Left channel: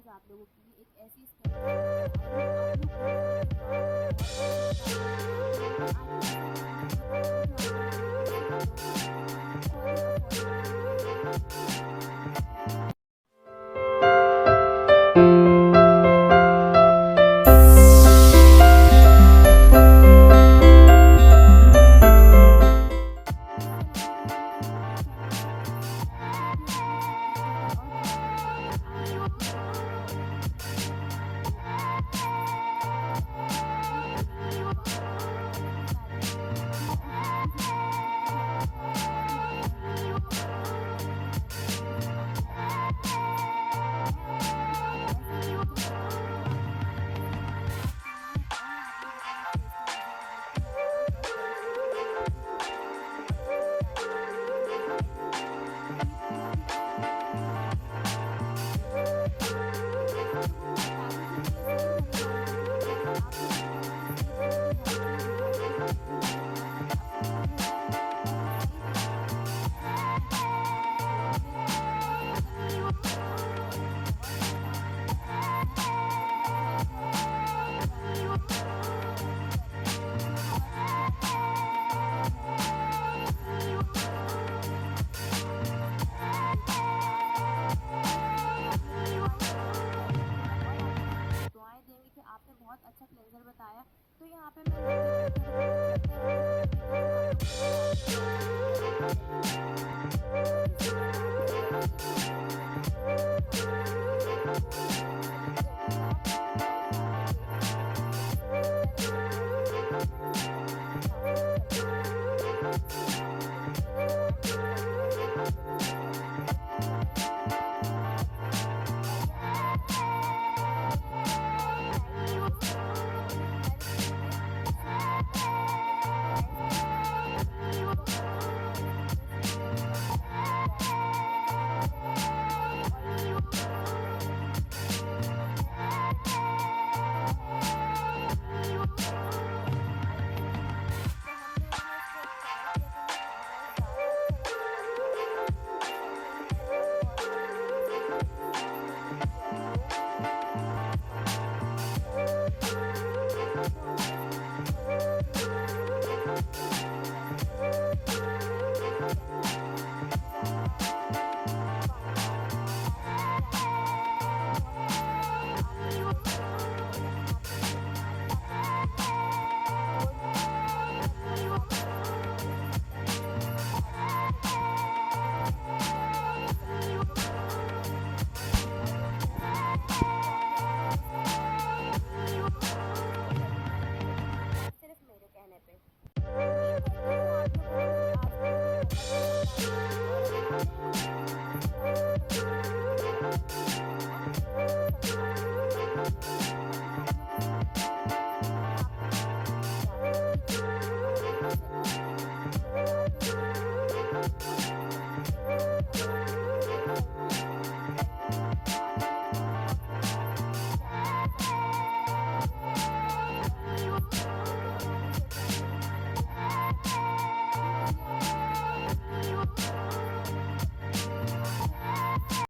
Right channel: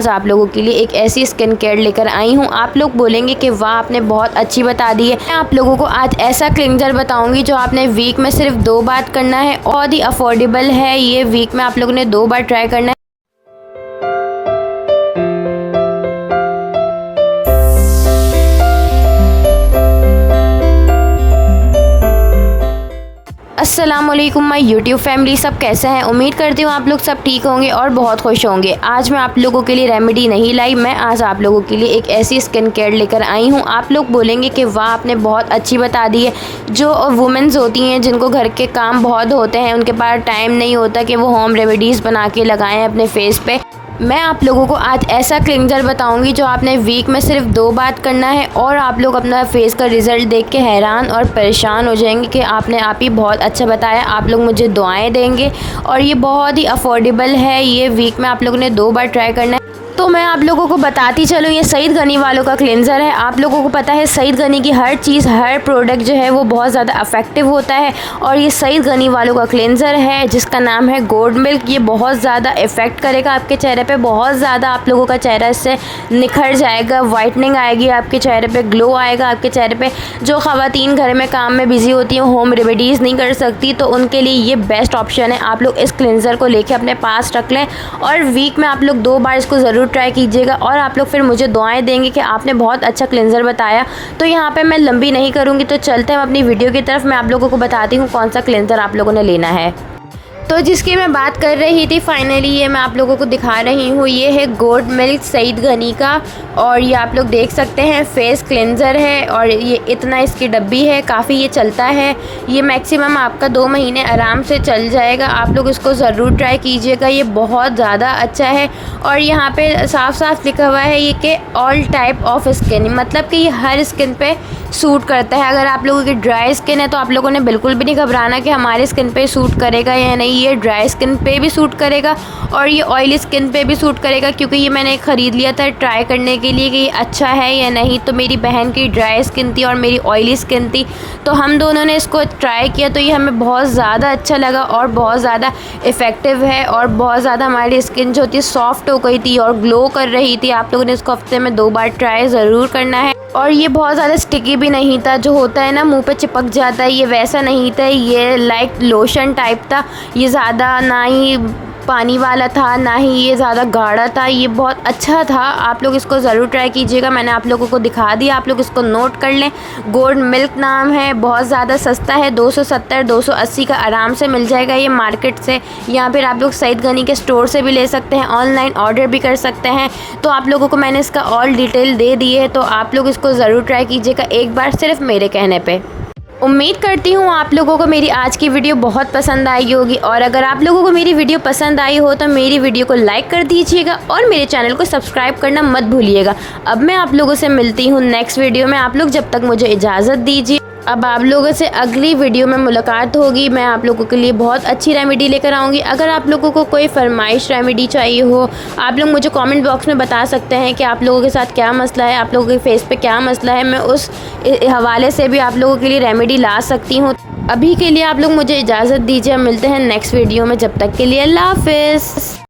आज आप लोगों के लिए एक ऐसी स्किन केयर लेकर आई हूँ, आप लोग बोलेंगे कि वाह आपने बहुत अच्छी बता दी है। मैं आप लोगों को आज ऐसा क्लिंजर बताऊंगी जो आपने वीक में सिर्फ 2 बार करना है। बहुत ही अफोर्डेबल है, ये वीक में आप लोगों ने 2 बार ट्राई करना है। अस्सलामुअलैकुम माय यूट्यूब फैमिली, सब कैसे हैं? उम्मीद करती हूँ आप लोग सब ठीक होंगे और बहुत खुश होंगे। आज मैं आप लोगों के लिए रेमेडी नहीं लाई, मैं आज आप लोगों के लिए एक ऐसी स्किन केयर लेकर आई हूँ, आप लोग बोलेंगे कि वाह आपने बहुत अच्छी बता दी है। जो वुमेन्स होती हैं जिनको घर के काम बहुत होते हैं, उनके पास टाइम नहीं होता कि वो होम रेमेडीज़ बना के लगाएं अपने फेस पे, मैं आप लोगों को आज ऐसा क्लिंजर बताऊंगी जो आपने वीक में सिर्फ 2 बार करना है और आप लोग अपना फेस का रिज़ल्ट देख के हैरान और परेशान हो जाएंगे कि आपने आप ही बहुत अच्छा बताया। आप लोग मुझे दुआएं देंगे और ये बहुत ही अफोर्डेबल है, ये वीक में आप लोगों ने 2 बार ट्राई करना है। तो मैं आप लोगों को बताती चलूँ, ये सईद गनी वालों का क्लेंज़र है। आप लोगों को पता है सईद गनी की हर चीज़, हर प्रोडक्ट जो है वो बहुत ज़्यादा इफेक्टिव होता है और ये सईद गनी वालों का क्लेंज़र है जिसका नाम है गोल्ड मिल्क। ये बहुत ज़्यादा इफ़ेक्ट करेगा आपके चेहरे पे, बहुत ज़्यादा आप लोगों का चेहरा इससे निखर जाएगा, वाइटनिंग आएगी आपके चेहरे पे, ग्लो आएगा आपके चेहरे पे। जो ख़वातीन घर में काम में बिज़ी होती हैं, होम रेमेडीज़ नहीं कर सकती, तो उनके लिए ये बेस्ट ऑप्शन है। आप लोग इस क्लेंज़र को लेके अपने पास रख लें और वीक में आप लोग 2 बार इसको ज़रूर ट्राई कीजिएगा और आप लोग फिर मुझे दुआएं देंगे कि आपने बहुत अच्छा क्लेंजर बताया। तो यहाँ पे मैं लंबी नहीं करूँगी, तो चलते हैं अपनी वीडियो की तरफ। मैं आप लोगों को बताती हूँ कौन सा क्लेंजर आप लोगों ने लेना है। तो जिसकी मैं बात कर रही थी, फाइनली ये मैं आप लोगों को दिखा रही हूँ। ये है गोल्ड मिल्क सईद गनी का और ये आप लोग देख सकते हैं फेस क्लेंज़र है और ये इतना इसकी डब्बी है, काफ़ी ये चलता है। ये मैक्सिमम आपका 2 महीने आराम से चल जाएगा। आप लोग इसको ज़रूर ट्राई कीजिएगा, ये बहुत ज़्यादा अच्छा है। और यहाँ पे साफ साफ लिखा हुआ है ये कि ऑल टाइप ऑफ स्किन, मतलब कि ये हर स्किन पे सूट करता है। अगर आप लोगों की ड्राई स्किन है तो आप लोगों ने बिल्कुल भी नहीं घबराना कि हमारे स्किन पे सूट करेगा या नहीं। ये ड्राई स्किन पे भी सूट करेगा और ये ऑयली स्किन पे भी सूट करेगा, क्योंकि ये मैंने ख़रीद लिया था ट्राई करने के लिए कि ये अच्छा है या नहीं। तो मेरी बहन की ड्राई स्किन थी और मेरी ऑयली स्किन थी, तो हम दोनों ने इसको ट्राई किया, तो ये हमें बहुत ज़्यादा अच्छा लगा और बहुत ज़्यादा इफ़ेक्टिव है और बहुत ज़्यादा हमारी स्किन जो थी सॉफ्ट हो गई थी और ग्लो कर रही थी। आप लोगों ने इसको हफ्ते में 2 बार ट्राई ज़रूर करना है। और ये बहुत ज़्यादा स्टिकी भी नहीं था, जो होता है ना मुंह पे चिपक जाता है, ये वैसा नहीं था। ये लाइक लोशन टाइप था, ये ज़्यादा ना ही पानी वाला था ना ही ये ज़्यादा गाढ़ा था, ये बहुत अच्छा था। आप लोग इसको ज़रूर ट्राई कीजिएगा, मैंने आप लोगों को दिखा दिया, आप लोग इसको नोट कर लें। गोल्ड मिल्क नाम है, बहुत ज़्यादा सस्ता है, 270-280 का आराम से मिल जाएगा ये मार्केट से, या फिर आप लोग सईद गनी के स्टोर से भी ले सकते हैं, ऑनलाइन ऑर्डर भी कर सकते हैं। तो आप लोगों को मैंने इसका ऑल डिटेल दे दी है, तो आप लोग इसको ज़रूर ट्राई कीजिएगा एक बार, सिर्फ मेरे कहने पर। उम्मीद करती हूँ आप लोगों को मेरी आज की वीडियो बहुत पसंद आई होगी और अगर आप लोगों को मेरी वीडियो पसंद आई हो तो मेरी वीडियो को लाइक कर दीजिएगा और मेरे चैनल को सब्सक्राइब करना मत भूलिएगा। अब मैं आप लोगों से मिलती हूँ नेक्स्ट वीडियो में, आप लोग जब तक मुझे इजाज़त दीजिए। अब आप लोगों से अगली वीडियो में मुलाकात होगी, मैं आप लोगों के लिए बहुत अच्छी रेमेडी लेकर आऊँगी। अगर आप लोगों को कोई फरमाइश रेमेडी चाहिए हो, आप लोग मुझे कमेंट बॉक्स में बता सकते हैं कि आप लोगों के साथ क्या मसला है, आप लोगों के फेस पे क्या मसला है, मैं उस हवाले से भी आप लोगों के लिए रेमेडी ला सकती हूँ। अभी के लिए आप लोग मुझे इजाज़त दीजिए, मिलते हैं नेक्स्ट वीडियो में, जब तक के लिए अल्लाह हाफ़िज़।